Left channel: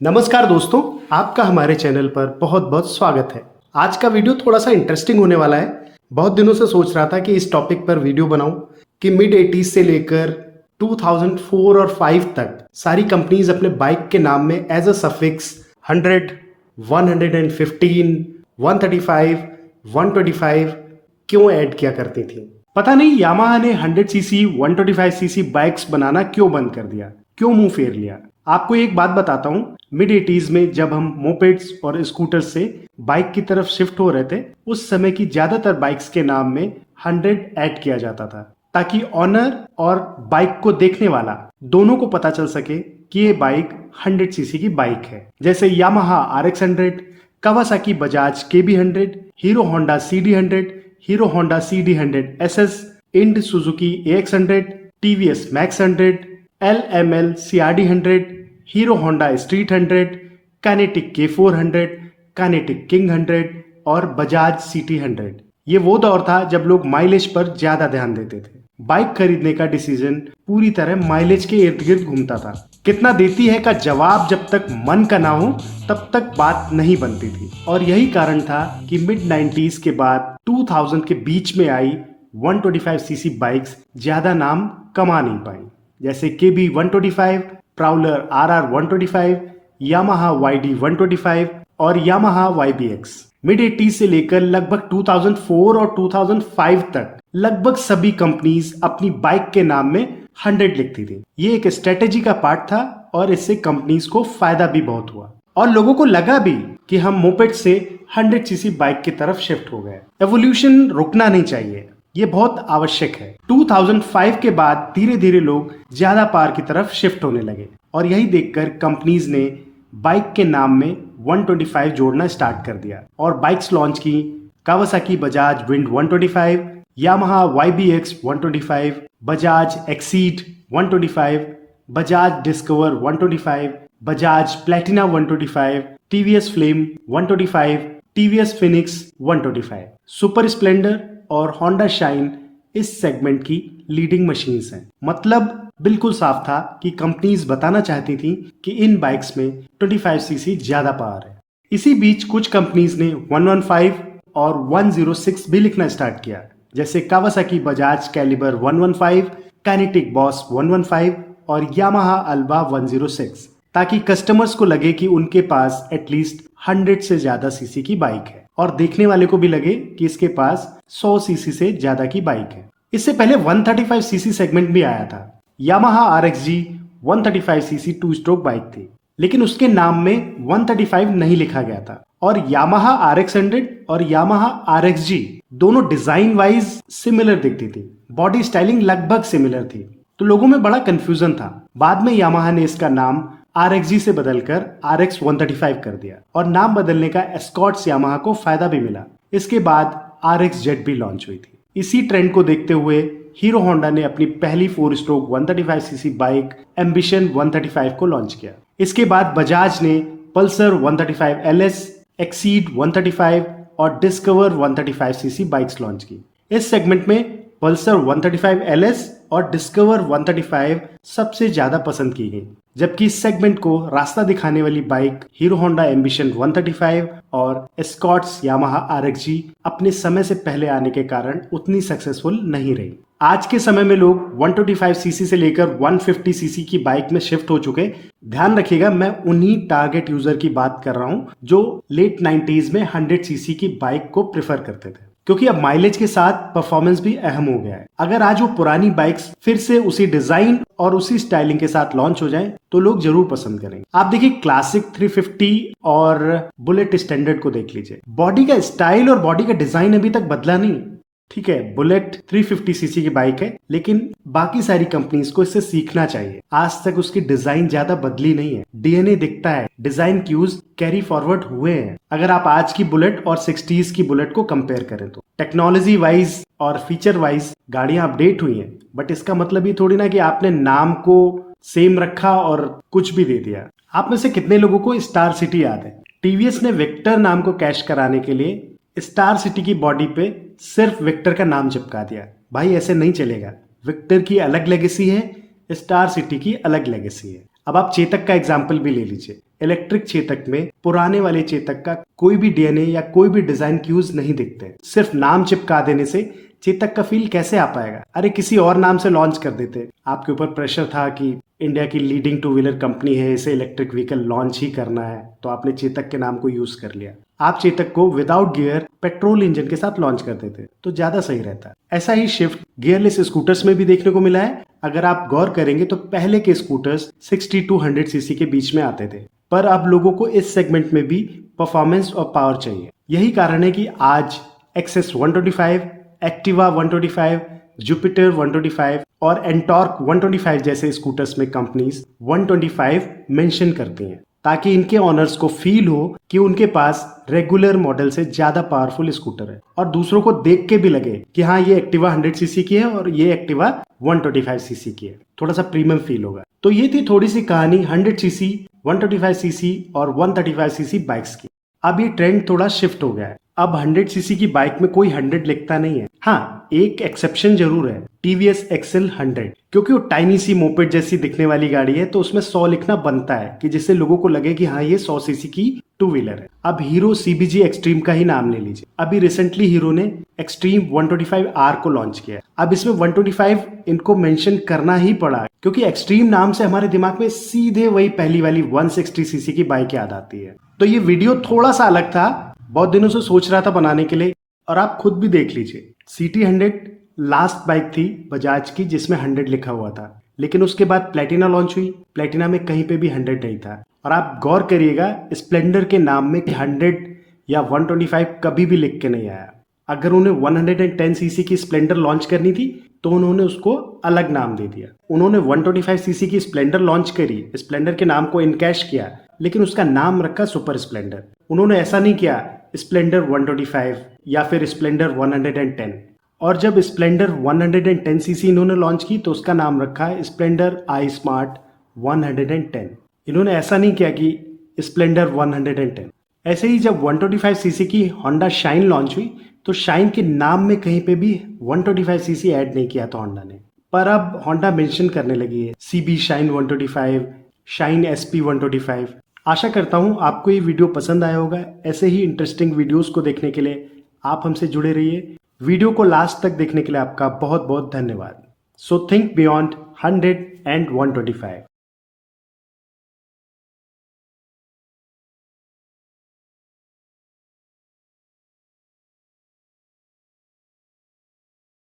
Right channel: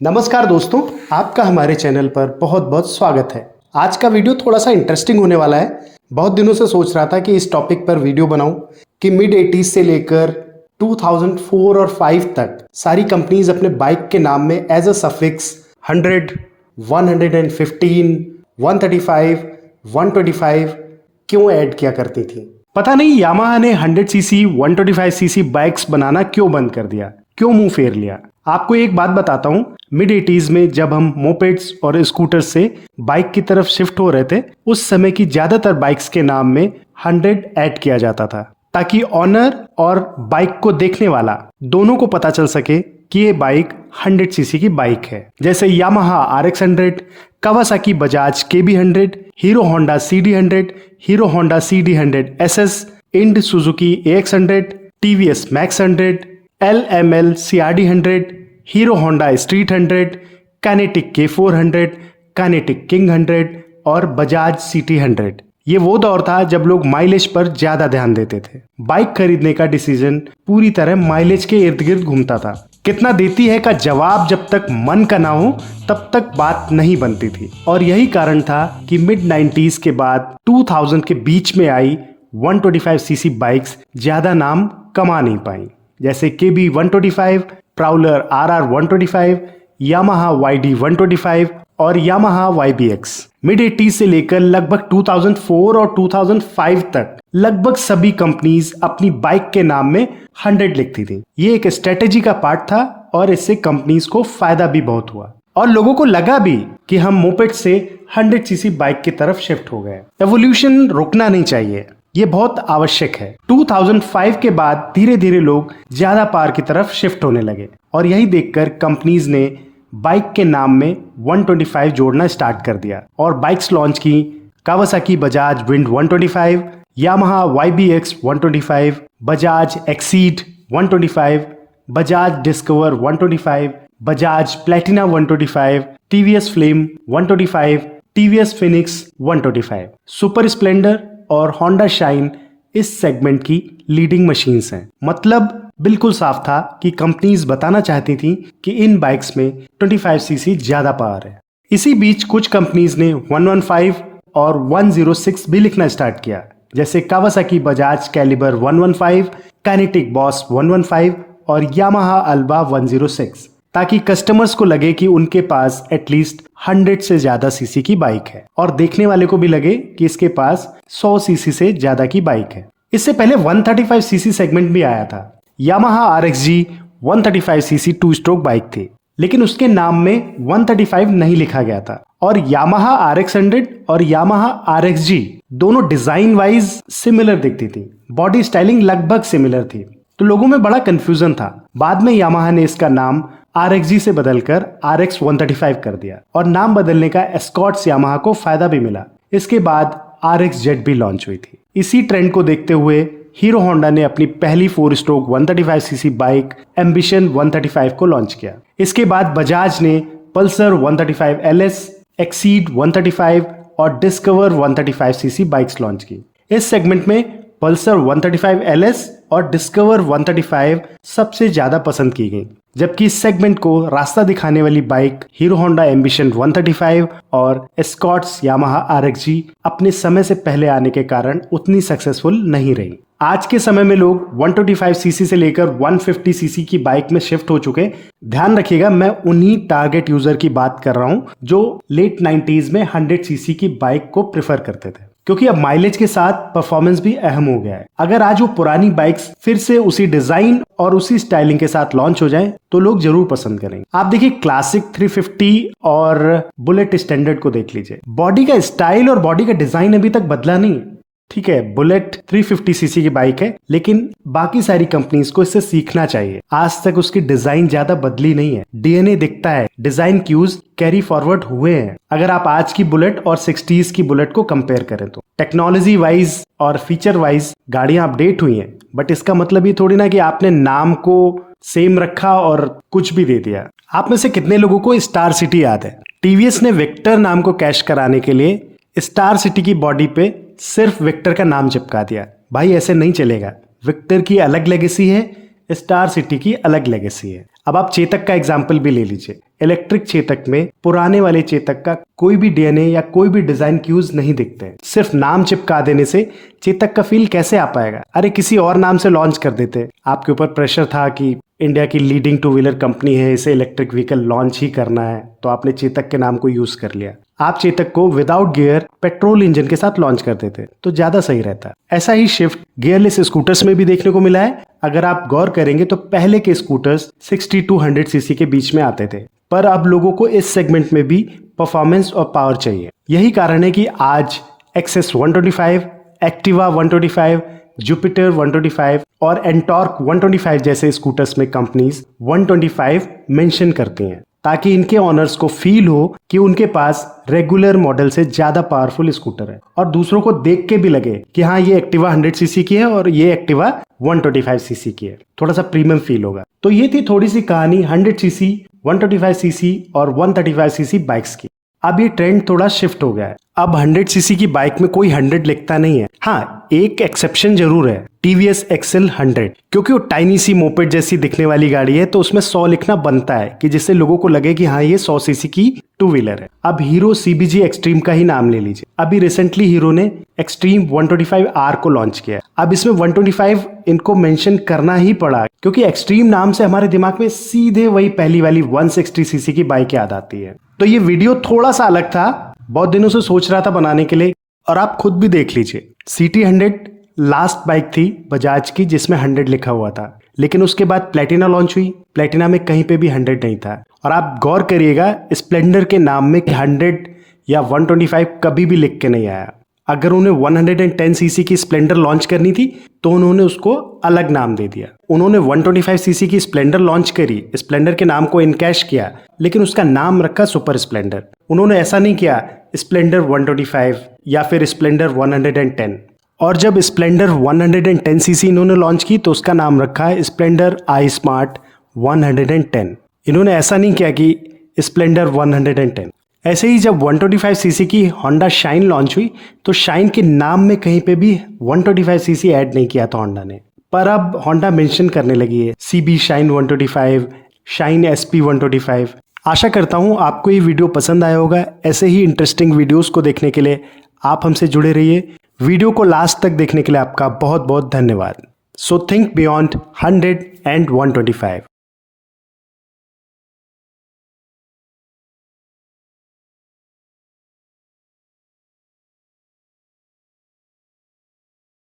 नमस्कार दोस्तों, आपका हमारे चैनल पर बहुत बहुत स्वागत है। आज का वीडियो थोड़ा सा इंटरेस्टिंग होने वाला है। बहुत दिनों से सोच रहा था कि इस टॉपिक पर वीडियो बनाऊं कि मिड 80s से लेकर 2004 और 5 तक सारी कंपनीज अपने बाइक के नाम में एज अ सफिक्स 100, 115, 135, 125 क्यों ऐड किया करती थी। पता नहीं यामाहा ने 100 सीसी 125 सीसी बाइक्स बनाना क्यों बंद कर दिया, क्यों मुंह फेर लिया। आपको एक बात बताता हूं, मिड 80s में जब हम मोपेड्स और स्कूटर से बाइक की तरफ शिफ्ट हो रहे थे, उस समय की ज्यादातर बाइक्स के नाम में 100 ऐड किया जाता था ताकि ऑनर और बाइक को देखने वाला दोनों को पता चल सके कि ये बाइक 100 सीसी की बाइक है। जैसे Yamaha RX 100, Kawasaki Bajaj KB 100, Hero Honda CD 100, Hero Honda CD 100 SS, Ind Suzuki AX 100, TVS Max 100, LML CRD 100, Hero Honda street 100, Kinetic K400, Kinetic king 100 और बजाज CT 100। ये वो दौर था जब लोग माइलेज पर ज्यादा ध्यान देते थे। बाइक खरीदने का डिसीजन पूरी तरह माइलेज के इर्द गिर्द घूमता था। कितना देती है का जवाब जब तक मन का ना हो तब तक बात नहीं बनती थी। और यही कारण था कि मिड 90s के बाद 2000 के बीच में आई 125 सीसी बाइक्स ज्यादा नाम कमा नहीं पाई, जैसे KB 125, Prowler RR 125, Yamaha YD 125 और यामाहा YBX। मिड 80s से लेकर लगभग 2004 और 2005 तक लगभग सभी कंपनीज अपनी बाइक के नाम में 100 लिखती थी। ये एक स्ट्रेटेजी का पार्ट था और इससे कंपनीज को फायदा भी बहुत हुआ और लोगों को लगा भी कि हम मोपेड से 100 सीसी बाइक की तरफ शिफ्ट हो गए। एवोल्यूशन रुकना नहीं चाहिए, ये बहुत आवश्यक है। 2005 के बाद धीरे धीरे लोग ज्यादा पावर की तरफ शिफ्ट होने लगे और यही देखकर कंपनीज ने बाइक के नाम में 125 जोड़ना स्टार्ट कर दिया और बाइक्स लॉन्च की। Kawasaki Bajaj wind 125, Yamaha YBX 125, Bajaj exceed 125, Bajaj discover 125, Bajaj Platina 125, TVS flame 125, TVS Phoenix 125। Super Splendor और होंडा शाइन इस सेगमेंट की लीडिंग मशीन्स हैं। मतलब बिल्कुल साफ था कि कंपनीज बताना चाहती थी कि इन बाइक्स में 25 सीसी ज्यादा पावर है। इसी बीच कुछ कंपनीज ने 115 और 106 भी लिखना स्टार्ट किया, जैसे Kawasaki Bajaj calibre 115, Kinetic boss 115 और यामाहा अल्बा 106, ताकि कस्टमर्स को लगे कि उनके पास एटलीस्ट 100 से ज्यादा सीसी की बाइक है और देखने वाले को भी लगे कि इसके पास 100 सीसी से ज्यादा की बाइक है। इससे पहले 135 सीसी सेगमेंट भी आया था। Yamaha RXG 135 CC 2 stroke bike थी, लेकिन उसके नाम में 135 नहीं लिखा गया था और यामाहा RX 100 और यामाहा RXG दोनों डिजाइन वाइज सिमिलर दिखती थी, बॉडी स्टाइलिंग लगभग सिमिलर थी, तो लोगों में बड़ा कंफ्यूजन था। बाद में यामाहा ने इसका नाम RXG से बदलकर RX 135 कर दिया और नाम बदलने का एस्कॉर्ट्स यामाहा को फायदा भी मिला। इसके बाद RXZ भी लॉन्च हुई थी। इसी ट्रेंड को देखते हुए हीरो होंडा ने अपनी पहली 4 स्ट्रोक 135 सीसी बाइक एम्बिशन 135 को लॉन्च किया। इसके बाद बजाज ने पल्सर 135 LS, एक्सीड 135 और डिस्कवर 135 सीसी बाइक्स लॉन्च की। इस सेगमेंट में पल्सर 135 LS और डिस्कवर 135 सबसे ज्यादा पसंद की गई, जबकि इस सेगमेंट को रास्ता दिखाने वाली बाइक हीरो होंडा एम्बिशन 135 और एस्कॉर्ट्स यामाहा RXG अपने समय से पहले आने के कारण उतनी सक्सेसफुल नहीं रही। आज के समय में लोग 125 सीसी से लेकर 150 सीसी की बाइक में शिफ्ट हो चुके। ध्यान रखिएगा, मैं उन्हीं टारगेट यूजर की बात कर रहा हूं जो लेट 90s में 100 सीसी की बाइक को प्रेफर करते थे, क्योंकि अब माइलेज के साथ परफॉर्मेंस भी अहम हो गया है। अगर आज वो पुरानी बाइक्स फिर से उसी डिजाइन और उसी स्टाइलिंग के साथ लॉन्च हो जाए तो लोग जरूर पसंद करेंगे। आप देखिए क्लासिक 350 और बुलेट स्टैंडर्ड को देख लीजिए, बॉडी का स्टाइल और बॉडी का डिजाइन अभी तक बदला नहीं। ठीक है, बुलेट 350 सीसी की बाइक है, लेकिन बाकी सारी कंपनीज को इससे सीखना चाहिए। आज तक उसकी डिजाइन ज्यादा बदली नहीं है, DNA दिखता है, डिजाइन क्यूज कैरी फॉरवर्ड हुए हैं। अगर आप आज की बुलेट और 60s की बुलेट को कंपेयर करें तो टेक्नोलॉजी वाइज और फीचर वाइज गाड़ियां अपडेट हुई हैं, बट इसका मतलब ये थोड़ी ना कि आपने नाम को सेम रखा और कुछ भी दे दिया। आप में से कितने लोगों को स्टार सिटी याद है? TVS ने विक्टर नाम को कैश कराने के लिए स्टार सिटी की बॉडी पे सिर्फ विक्टर का नाम चिपका दिया। भाई ऐसे नहीं चलेगा, विक्टर की अलग लेगेसी है, स्टार सिटी की अलग लेगेसी है। अब आप चेतक का एग्जाम्पल भी ले लीजिए। इलेक्ट्रिक चेतक में पुराने वाले चेतक का कोई भी डीएनए या कोई भी डिजाइन क्यूज नहीं दिखते हैं। सिर्फ नाम चिपका देने से चेतक का फील कैसे आ पाएगा? अरे किसी और नाम से लॉन्च कर देते। आपके ऊपर प्रेशर था कि इंडिया की लीडिंग टू व्हीलर कंपनी है, इसे इलेक्ट्रिक व्हीकल लॉन्च ही करना है, तो आपने चेतक के नाम को यूज कर लिया। आप चेतक को विदाउट गियर पेट्रोल इंजन के साथ लॉन्च कर देते तो ज्यादा सही रहता। ऐसा ही शिफ्ट गियरलेस स्कूटर्स में भी देखने को मिला है। अगर आप गौर करेंगे तो पहले के स्कूटर्स 60 to 100 सीसी के बीच में आते थे, पर अब लोगों को इस सेगमेंट में भी परफॉर्मेंस और पावर चाहिए। यही कारण है कि आज एक्सेस 125, एक्टिवा 125, जुपिटर 125 और एंटॉर्क 125 जैसे स्कूटर्स में कंपनीज 125 मेंशन करती हैं, ताकि इनके ओनर्स को फील हो कि उनके पास रेगुलर मॉडल से ज्यादा पावरफुल स्कूटर है, और दूसरों को देख के भी लगे कि हाँ ये एक्टिवा 100 सीसी की है और ये एक्टिवा 125 सीसी की है, थोड़ा सा प्रीमियम फील होगा। तो ये थी थोड़ी सी कहानी 100 सीसी, 125 सीसी और 135 सीसी बाइक्स की। अब ये ट्रेंड थोड़ा शिफ्ट हो गया है। अब 100 सीसी की बाइक में कोई 100 लिखता नहीं है। हाँ, एक एक्सेप्शन जरूर है, टीवीएस एक्सेल 100, क्योंकि वो टाइनी सी मोपेड जैसी दिखने वाली गाड़ी है, तो उसमें 100 लिखना बनता है कि जिससे लोगों को लगे कि हाँ ये 100 सीसी की टू व्हीलर है। अब हीरो सीबीजी एक्सट्रीम का ही नाम ले लीजिए। अभी रिसेंटली हीरो ने एक्सट्रीम 125R को लॉन्च किया। अब इसमें 125 इनको मेंशन करना ही पड़ा, क्योंकि एक्सट्रीम नाम से हमारे दिमाग में सीधे वही पहली वाली 160 सीसी की बाइक याद आती है। तो ये वीडियो थोड़ा सा अलग था, बहुत दिनों से सोच रहा था बनाने के लिए, और आप खुद भी देख लीजिए। CT 100 लास्ट बाइक थी बजाज की जिसमें 100 लिखा हुआ था, लेकिन उसके बाद प्लेटिना लॉन्च हुई, प्लेटिना में कहीं पे भी 100 नहीं था। और आप गौर करिएगा स्प्लेंडर के नाम में 100 या 125 कभी भी लिख के नहीं आया। अगर उन्हें 110 सीसी की स्प्लेंडर लॉन्च करनी थी तो उन्होंने उसको अलग नाम दे दिया। उन्होंने 125 सीसी की स्प्लेंडर लॉन्च करी, स्प्लेंडर के नाम को इनकैश किया, लेकिन उसका नाम रखा सुपर स्प्लेंडर। उन्होंने ऐसा नहीं किया स्प्लेंडर 125 या फिर स्प्लेंडर 110। और जब स्प्लेंडर 110 सीसी इन्होंने लॉन्च की तो उसका नाम रखा स्प्लेंडर आई स्मार्ट 110। इन्होंने ऐसा नहीं किया कि स्प्लेंडर 110। ऐसे ही जब 125 सीसी की होंडा शाइन लॉन्च हुई तो शाइन के नाम में कहीं पे भी 125 सीसी ऐड नहीं किया था होंडा ने, पर अब होंडा मेंशन करने लगी है CB शाइन 125, शाइन SP 125। आशा करता हूँ आपको ये वीडियो पसंद आया होगा। ऐसे ही इंटरेस्टिंग वीडियोस को देखने के लिए आप हमसे जुड़े रहिए। वीडियो को लास्ट तक देखने के लिए आपका बहुत बहुत धन्यवाद। So think beyond 100 and 125।